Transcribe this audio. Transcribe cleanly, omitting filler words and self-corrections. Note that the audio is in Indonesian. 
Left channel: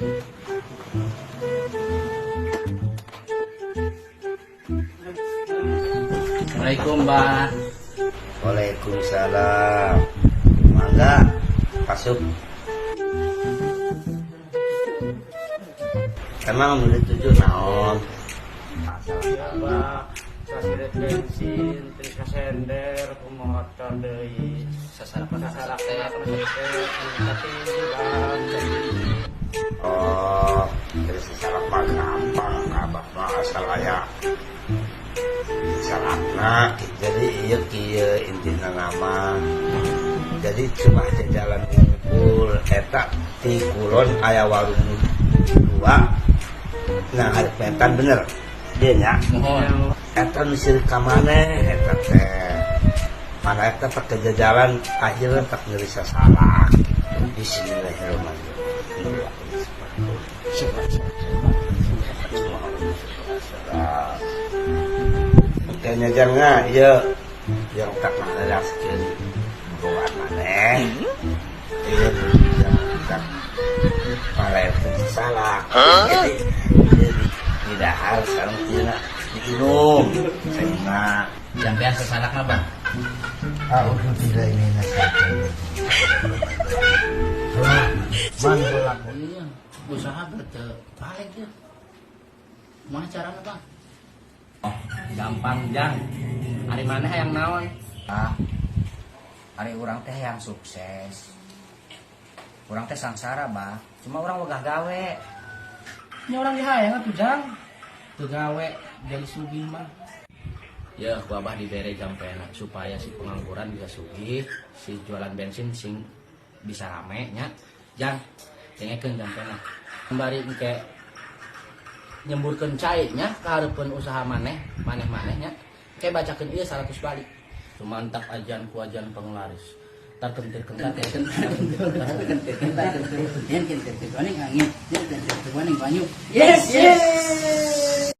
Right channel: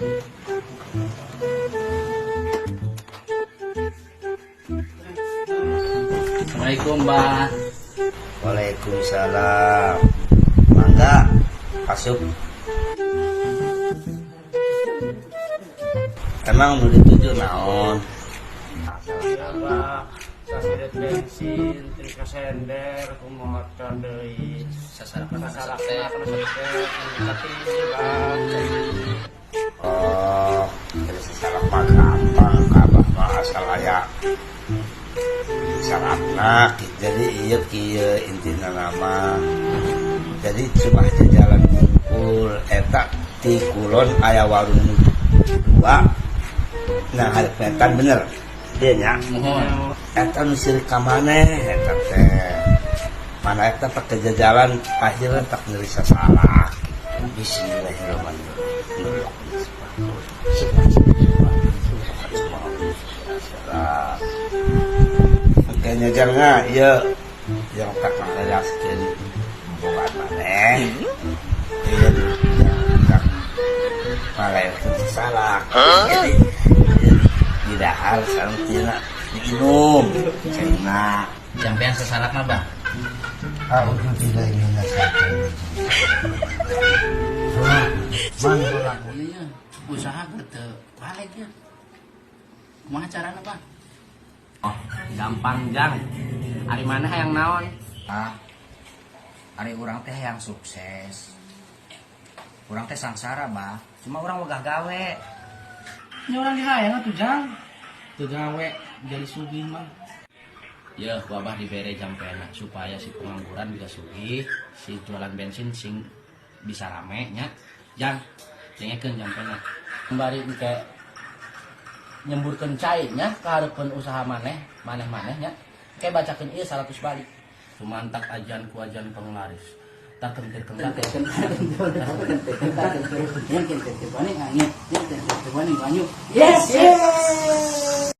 Assalamualaikum, Mbak. Waalaikumsalam. Mangga, masuk. Emang mau dituju naon? Abah, kasiret bensin, trika sender, kumotor deui. Sasalakna Oh, dari sesalah mah gampang, abah mah asal aya salahna. Jadi iya kieu intina nama. Jadi cuma jalan ngumpul eta ti kulon aya warung dua. Nah, hareup metan bener. Dia nya. Mohon. Eta nu sirik ka maneh eta teh. Mana eta pakai jajalan akhirnya tak ngerisa salah. Bismillahirrahmanirrahim. Makanya jangan iya yang tak menjelaskan bukan maneh. Iya tak malah salah. Jadi tidak hal sekarang tidak diminum. Karena Jampean sasalakna, Bang. untuk tidak ingin Iya, usaha teu balik ya. Kumaha carana, Bang? Oh, gampang jang. Hari mana yang naon? Hari urang teh yang sukses. Urang teh sangsara, bah. Cuma urang wegah gawe. Nya urang dihayang atuh, Jang. Teu gawe jadi sugih mah. Ya, ku Abah dibere jampena supaya si pengangguran juga sugih, si jualan bensin sing bisa rame nya. Jang, cengekeun jampena. Kembali ke nyemburkeun cai nya kahareupeun usaha maneh nya. Kayak bacakeun ieu 100 balik. Sumantak ajan ku ajan penglaris. Tak kentir kentar. Yes, yes.